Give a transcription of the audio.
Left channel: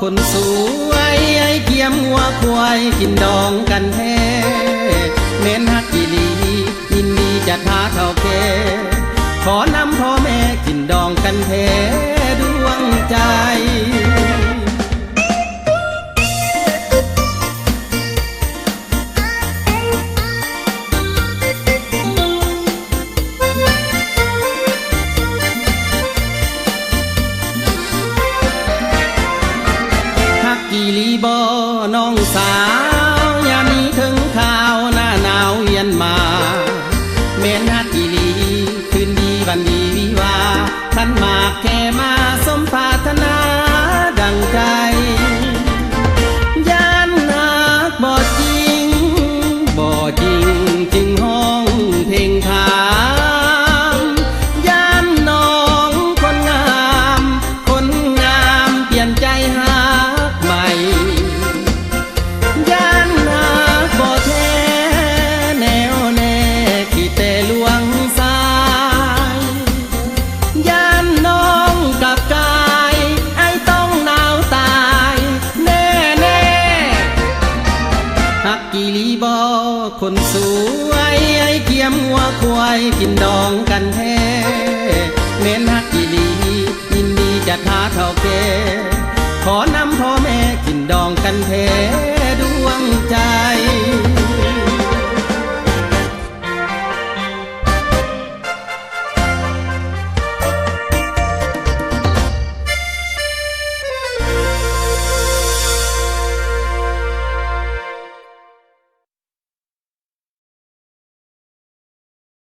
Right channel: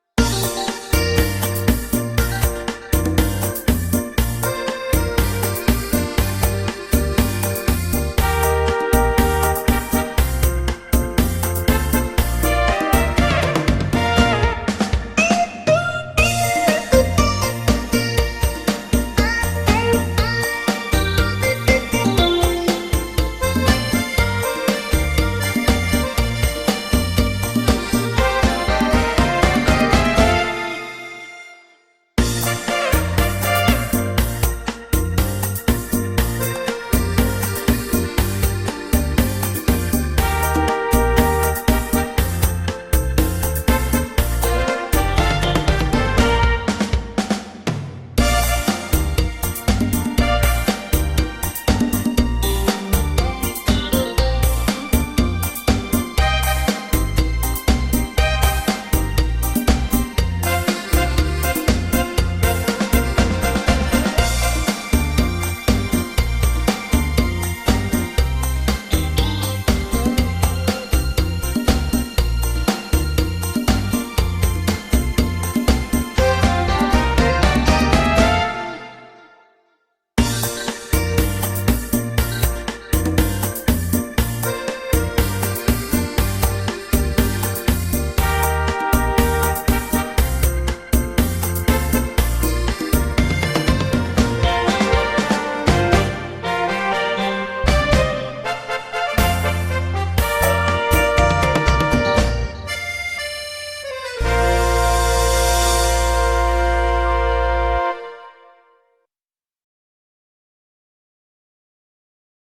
คนสวยไอ้เกียมหัวควายกินดองกันแท้เม้นฮักอีหลียินดีจะท้าเข้าแก่ขอนำพ่อแม่กินดองกันแท้ดวงใจน้องสาวยามนี้ถึงข่าวหน้าหนาวเวียนมาเม้นฮักอีหลีคืนดีวันดีวิวาท่านมาแค่มาสมปรารถนาดังใจย่านหักบ่จริงบ่จริงจึงห้องเพลงถามย่านน้องคนงามคนงามเปลี่ยนใจหาคนส